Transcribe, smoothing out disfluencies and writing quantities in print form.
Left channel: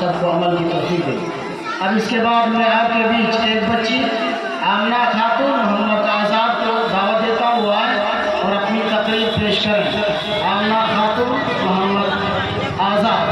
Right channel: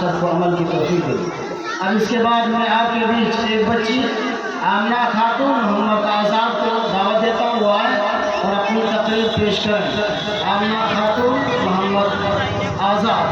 सबको अमल की तौफीक दे। अब इसके बाद मैं आपके बीच एक बच्ची आमना खातून मोहम्मद आज़ाद को दावत देता हुआ है और अपनी तकरीर पेश करें। आमना खातून मोहम्मद आज़ाद।